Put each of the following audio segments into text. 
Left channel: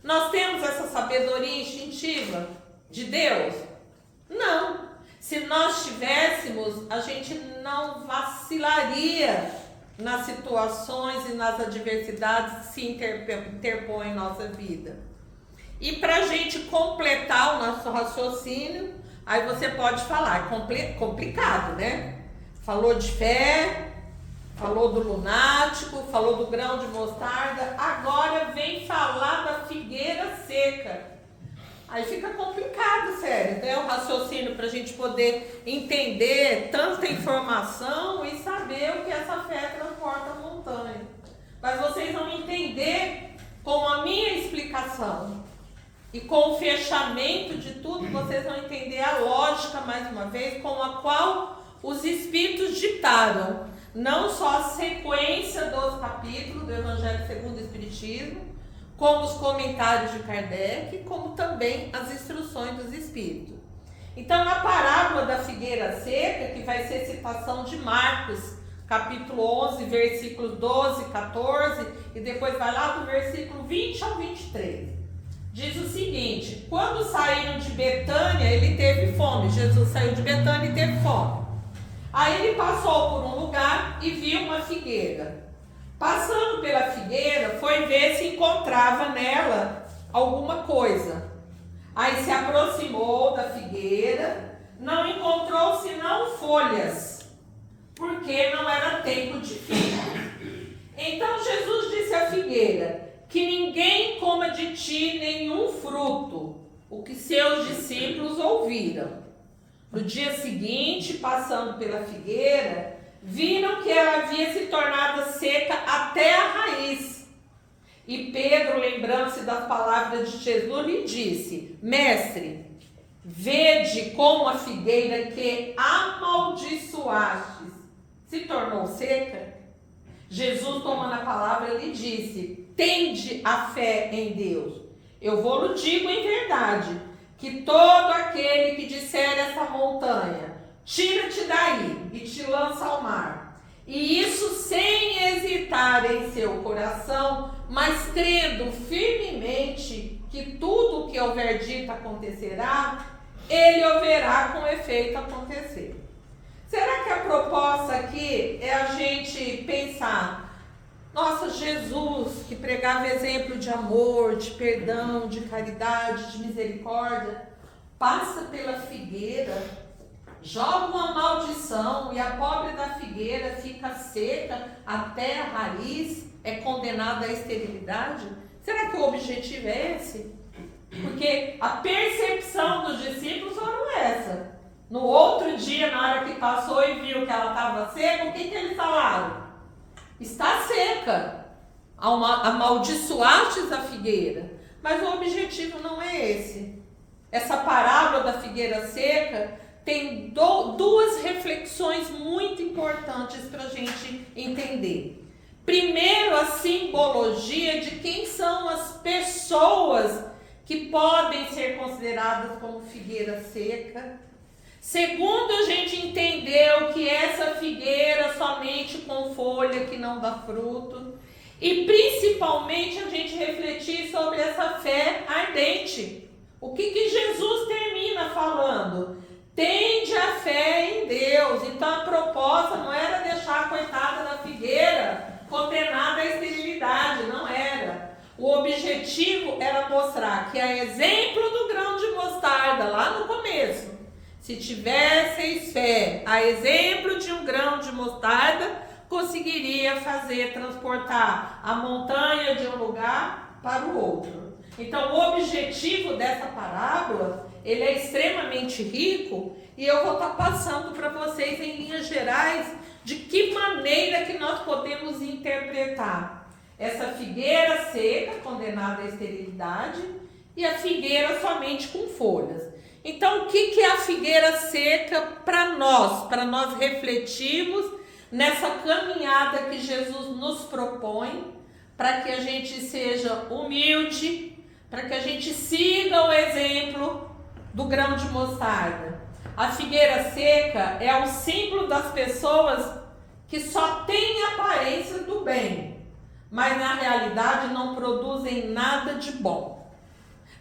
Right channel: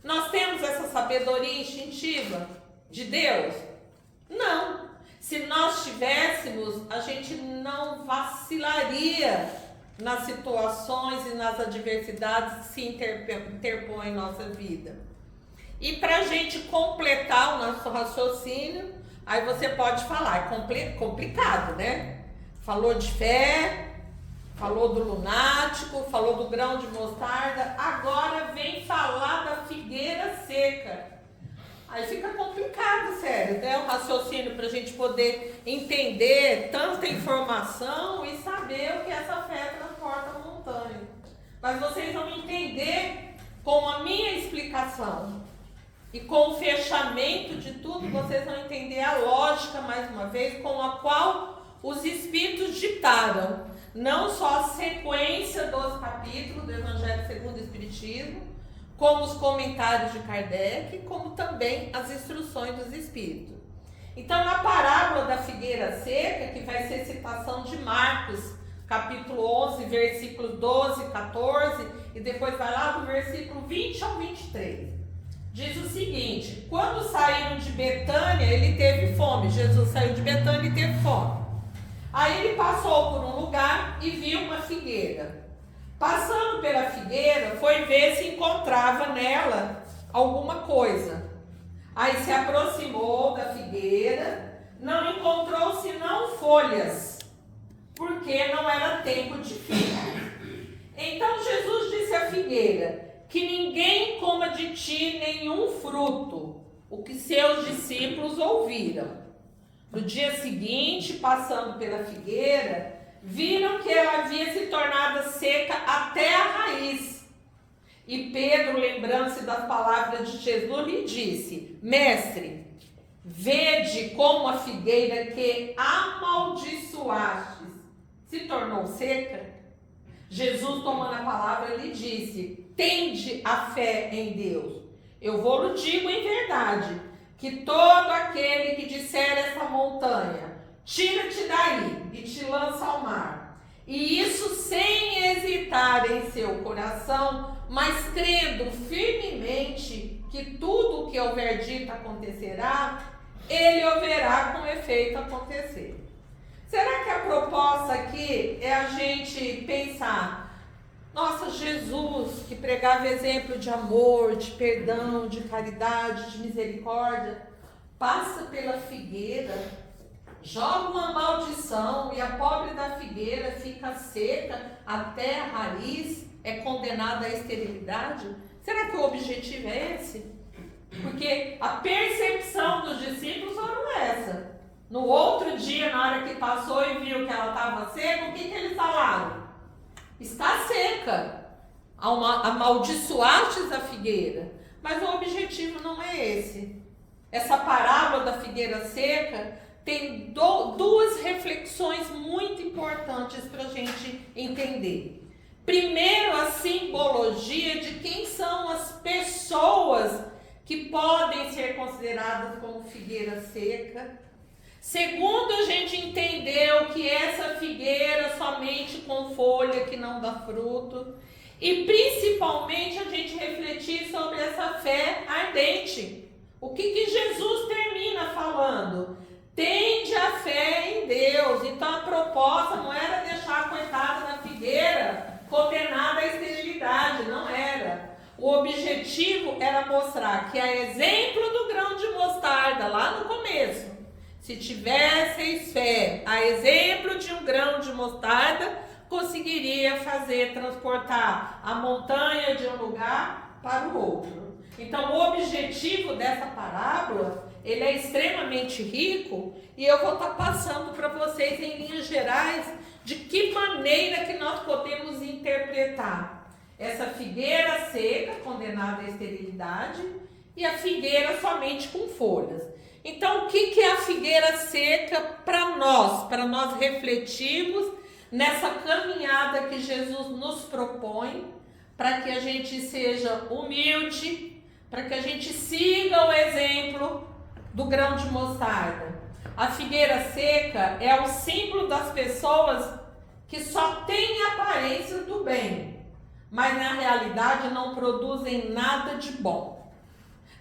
Nós temos essa sabedoria instintiva de Deus? Não. Se nós tivéssemos, a gente não vacilaria nas situações e nas adversidades que se interpõem em nossa vida. E para a gente completar o nosso raciocínio, aí você pode falar, é complicado, né? Falou de fé, falou do lunático, falou do grão de mostarda, agora vem falar da figueira seca. Aí fica complicado, sério, né? O raciocínio para a gente poder entender tanta informação e saber o que essa fé transporta a montanha. Mas vocês vão entender com a minha explicação e com o fechamento de tudo, vocês vão entender a lógica, mais uma vez, com a qual os Espíritos ditaram não só a sequência dos capítulos do Evangelho segundo o Espiritismo, como os comentários de Kardec, como também as instruções dos Espíritos. Então, na parábola da figueira seca, que vai ser citação de Marcos, capítulo 11, versículos 12 e 14, e depois vai lá do versículo 20 ao 23. Diz o seguinte: quando saíram de Betânia, ele teve fome. Jesus saiu de Betânia e teve fome. Aí ele passou por um lugar e viu uma figueira. Passando pela figueira, foi ver se encontrava nela alguma coisa. Aí se aproximou da figueira, não encontrou senão folhas, porque não era tempo de figo. Então Jesus disse à figueira: que ninguém coma de ti nenhum fruto, o que seus discípulos ouviram. No dia seguinte, passando pela figueira, viram que ela havia se tornado seca até a raiz. E Pedro, lembrando-se das palavras de Jesus, lhe disse: Mestre, vede como a figueira que amaldiçoastes se tornou seca. Jesus, tomando a palavra, lhe disse: tende a fé em Deus. Eu vou-lhe digo em verdade, que todo aquele que disser essa montanha, tira-te daí e te lança ao mar, e isso sem hesitar em seu coração, mas crendo firmemente que tudo o que houver dito acontecerá, ele o verá com efeito acontecer. Será que a proposta aqui é a gente pensar: nossa, Jesus, que pregava exemplo de amor, de perdão, de caridade, de misericórdia, passa pela figueira, joga uma maldição e a pobre da figueira fica seca até a raiz, é condenada à esterilidade? Será que o objetivo é esse? Porque a percepção dos discípulos foram essa. No outro dia, na hora que passou e viu que ela estava seca, o que eles falaram? Está seca, amaldiçoastes a figueira. Mas o objetivo não é esse. Essa parábola da figueira seca tem duas reflexões muito importantes para a gente entender. Primeiro, a simbologia de quem são as pessoas que podem ser consideradas como figueira seca. Segundo, a gente entendeu que essa figueira somente com folha que não dá fruto. E principalmente a gente refletir sobre essa fé ardente. O que Jesus termina falando? Tende a fé em Deus. Então a proposta não era deixar a coitada da figueira condenada à esterilidade, não era. O objetivo era mostrar que, a exemplo do grão de mostarda, lá no começo, se tivesseis fé, a exemplo de um grão de mostarda, conseguiria transportar a montanha de um lugar para o outro. Então, o objetivo dessa parábola, ele é extremamente rico, e eu vou estar passando para vocês em linhas gerais de que maneira que nós podemos interpretar essa figueira seca, condenada à esterilidade, e a figueira somente com folhas. Então, o que é a figueira seca para nós refletirmos nessa caminhada que Jesus nos propõe, para que a gente seja humilde, para que a gente siga o exemplo do grão de mostarda. A figueira seca é o símbolo das pessoas que só têm aparência do bem, mas na realidade não produzem nada de bom.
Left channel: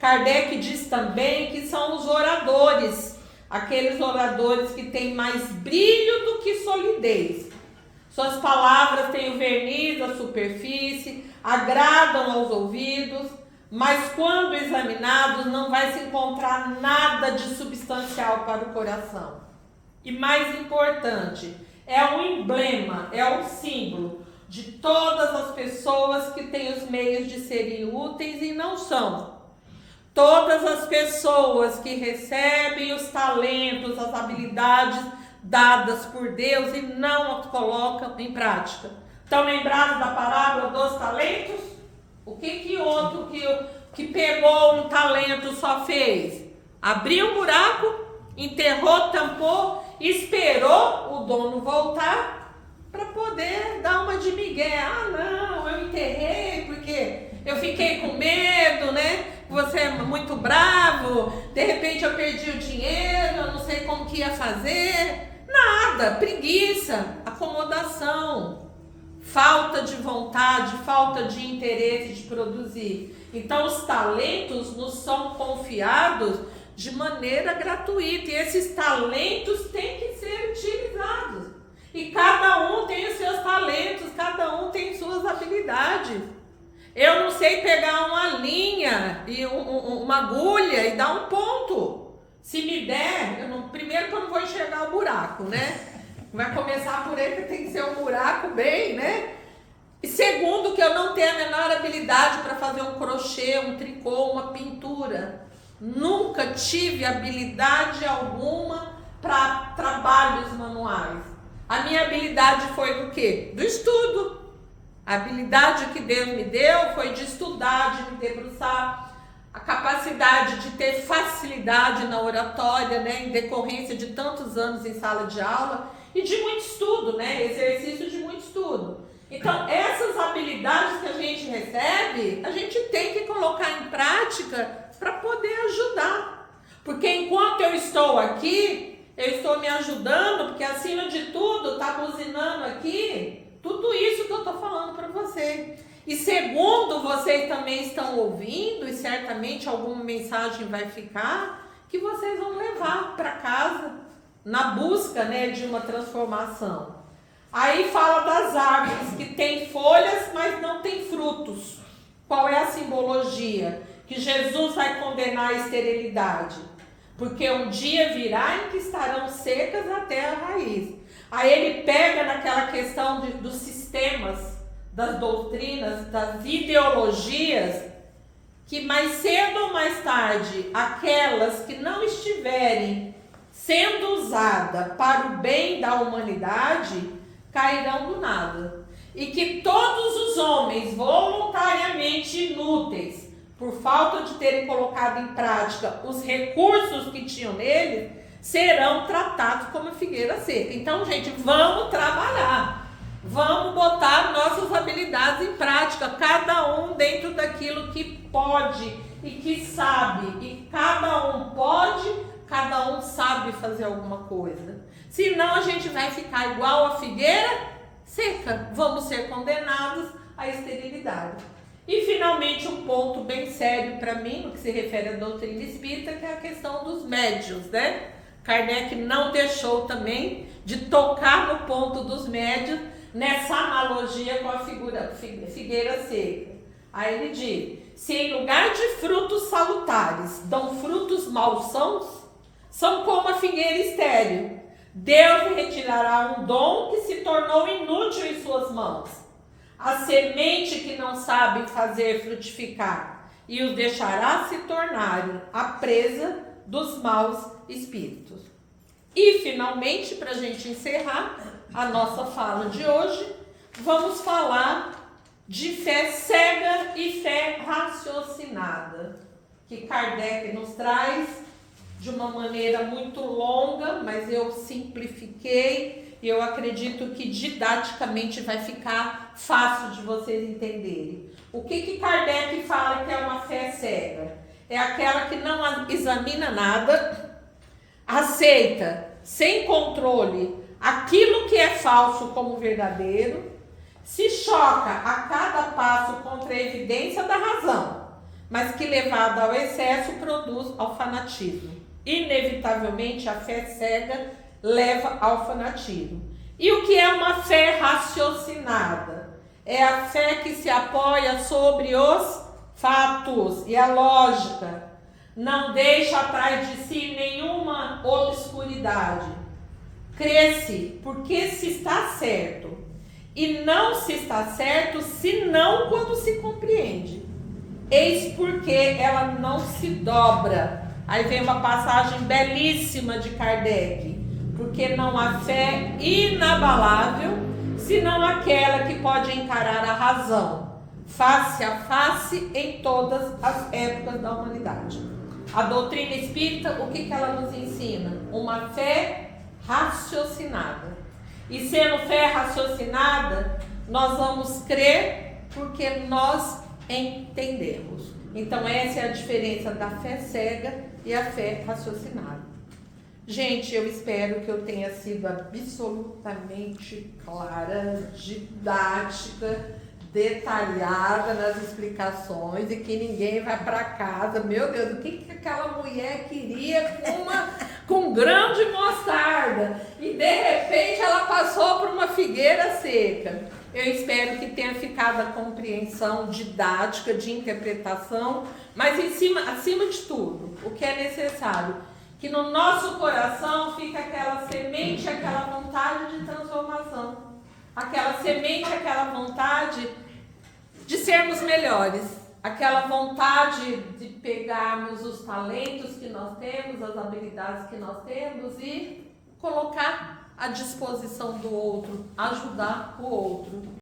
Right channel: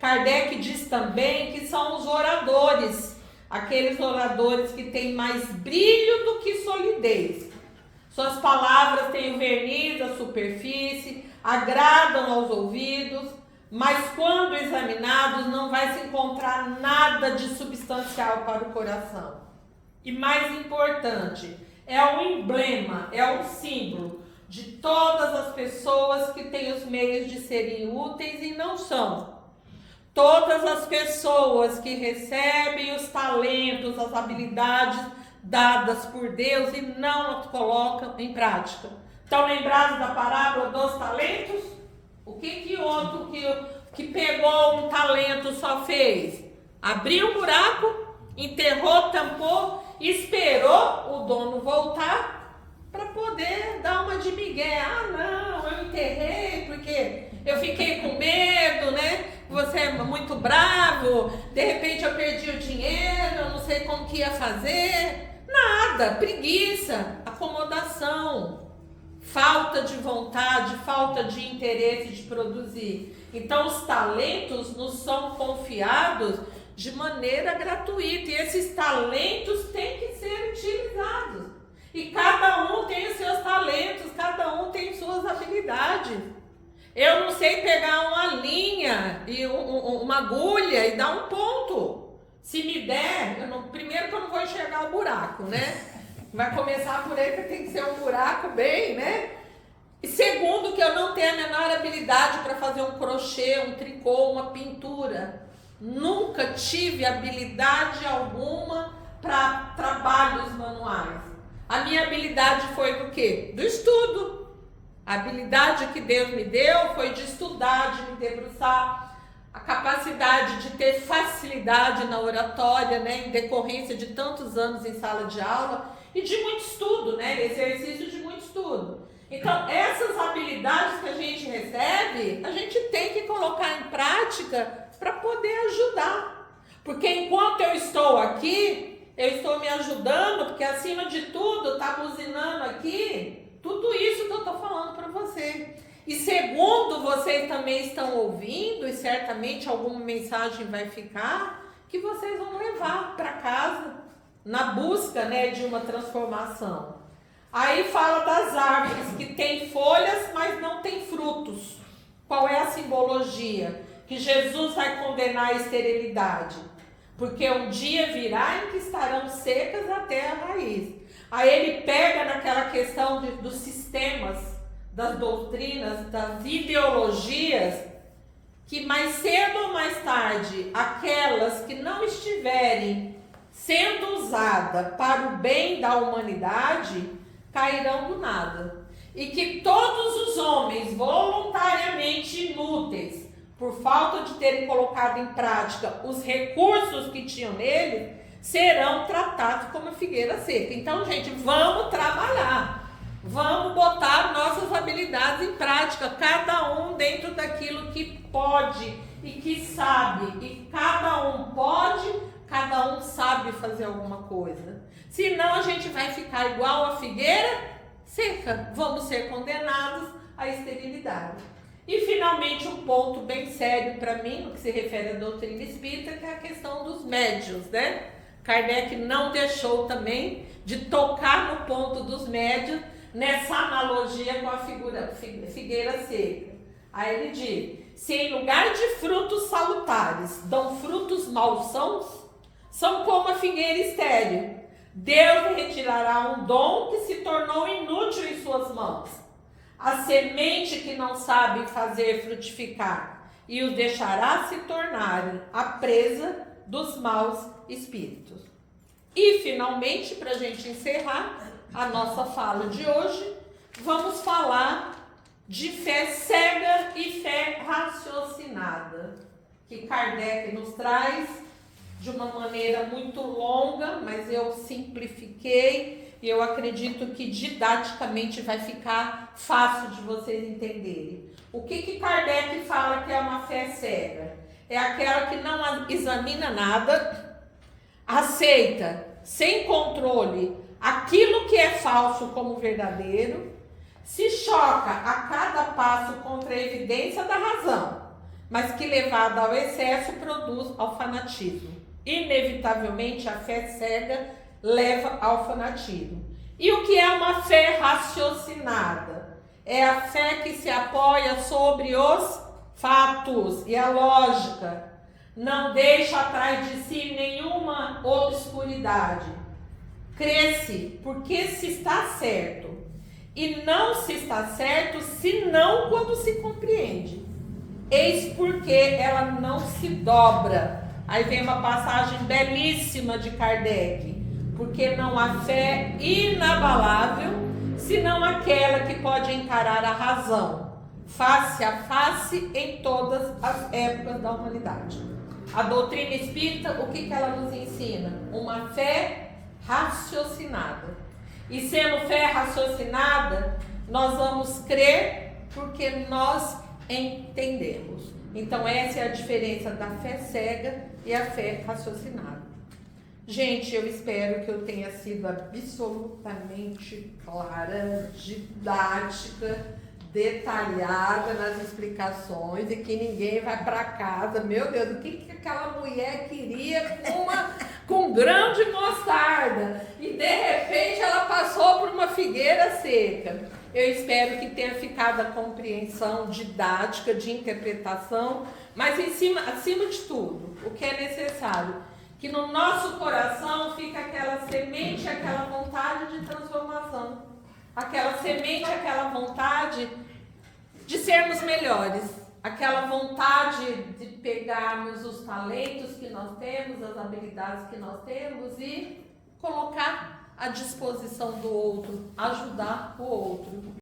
Kardec diz também que são os oradores, aqueles oradores que têm mais brilho do que solidez. Suas palavras têm o verniz, a superfície, agradam aos ouvidos, mas quando examinados não vai se encontrar nada de substancial para o coração. E mais importante, é um emblema, é um símbolo de todas as pessoas que têm os meios de serem úteis e não são. Todas as pessoas que recebem os talentos, as habilidades dadas por Deus e não as colocam em prática. Estão lembrados da parábola dos talentos? O que outro que pegou um talento só fez? Abriu um buraco, enterrou, tampou, esperou o dono voltar para poder dar uma de migué. Ah, não, eu enterrei porque eu fiquei com medo, né? Você é muito bravo, de repente eu perdi o dinheiro, eu não sei como que ia fazer. Nada, preguiça, acomodação, falta de vontade, falta de interesse de produzir. Então os talentos nos são confiados de maneira gratuita e esses talentos têm que ser utilizados. E cada um tem os seus talentos, cada um tem suas habilidades. Eu não sei pegar uma linha e uma agulha e dar um ponto. Se me der, primeiro que eu não vou enxergar o buraco, né? Vai começar por aí que tem que ser um buraco bem, né? E segundo, que eu não tenho a menor habilidade para fazer um crochê, um tricô, uma pintura. Nunca tive habilidade alguma para trabalhos manuais. A minha habilidade foi do quê? Do estudo. A habilidade que Deus me deu foi de estudar, de me debruçar. A capacidade de ter facilidade na oratória, né, em decorrência de tantos anos em sala de aula e de muito estudo, né, exercício de muito estudo. Então, essas habilidades que a gente recebe, a gente tem que colocar em prática para poder ajudar. Porque enquanto eu estou aqui, eu estou me ajudando, porque acima de tudo, está buzinando aqui tudo isso que eu estou falando para você. E segundo, vocês também estão ouvindo, e certamente alguma mensagem vai ficar, que vocês vão levar para casa, na busca, né, de uma transformação. Aí fala das árvores que têm folhas, mas não têm frutos. Qual é a simbologia? Que Jesus vai condenar a esterilidade. Porque um dia virá em que estarão secas até a raiz. Aí ele pega naquela questão dos sistemas, das doutrinas, das ideologias, que mais cedo ou mais tarde, aquelas que não estiverem sendo usadas para o bem da humanidade, cairão do nada. E que todos os homens voluntariamente inúteis, por falta de terem colocado em prática os recursos que tinham nele, serão tratados como figueira seca. Então, gente, vamos trabalhar. Vamos botar nossas habilidades em prática, cada um dentro daquilo que pode e que sabe. E cada um pode, cada um sabe fazer alguma coisa. Senão a gente vai ficar igual a figueira seca. Vamos ser condenados à esterilidade. E finalmente um ponto bem sério para mim, no que se refere à doutrina espírita, que é a questão dos médiuns, né? Kardec não deixou também de tocar no ponto dos médiuns, nessa analogia com a figueira seca. Aí ele diz: se em lugar de frutos salutares dão frutos malsãos, são como a figueira estéril. Deus retirará um dom que se tornou inútil em suas mãos, a semente que não sabe fazer frutificar, e os deixará se tornarem a presa dos maus espíritos. E finalmente, para a gente encerrar a nossa fala de hoje, vamos falar de fé cega e fé raciocinada, que Kardec nos traz de uma maneira muito longa, mas eu simplifiquei e eu acredito que didaticamente vai ficar fácil de vocês entenderem. O que Kardec fala que é uma fé cega? É aquela que não examina nada, aceita sem controle aquilo que é falso como verdadeiro, se choca a cada passo contra a evidência da razão, mas que levada ao excesso produz ao fanatismo. Inevitavelmente a fé cega leva ao fanatismo. E o que é uma fé raciocinada? É a fé que se apoia sobre os fatos e a lógica. Não deixa atrás de si nenhuma obscuridade. Crê-se porque se está certo. E não se está certo senão quando se compreende. Eis porque ela não se dobra. Aí vem uma passagem belíssima de Kardec. Porque não há fé inabalável, senão aquela que pode encarar a razão, face a face, em todas as épocas da humanidade. A doutrina espírita, o que ela nos ensina? Uma fé raciocinada. E sendo fé raciocinada, nós vamos crer porque nós entendemos. Então essa é a diferença da fé cega e a fé raciocinada. Gente, eu espero que eu tenha sido absolutamente clara, didática, detalhada nas explicações e que ninguém vai para casa. Meu Deus, o que aquela mulher queria com um grão de mostarda? E de repente ela passou por uma figueira seca. Eu espero que tenha ficado a compreensão didática, de interpretação, mas acima de tudo, o que é necessário? Que no nosso coração fica aquela semente, aquela vontade de transformação. Aquela semente, aquela vontade de sermos melhores. Aquela vontade de pegarmos os talentos que nós temos, as habilidades que nós temos e colocar à disposição do outro, ajudar o outro.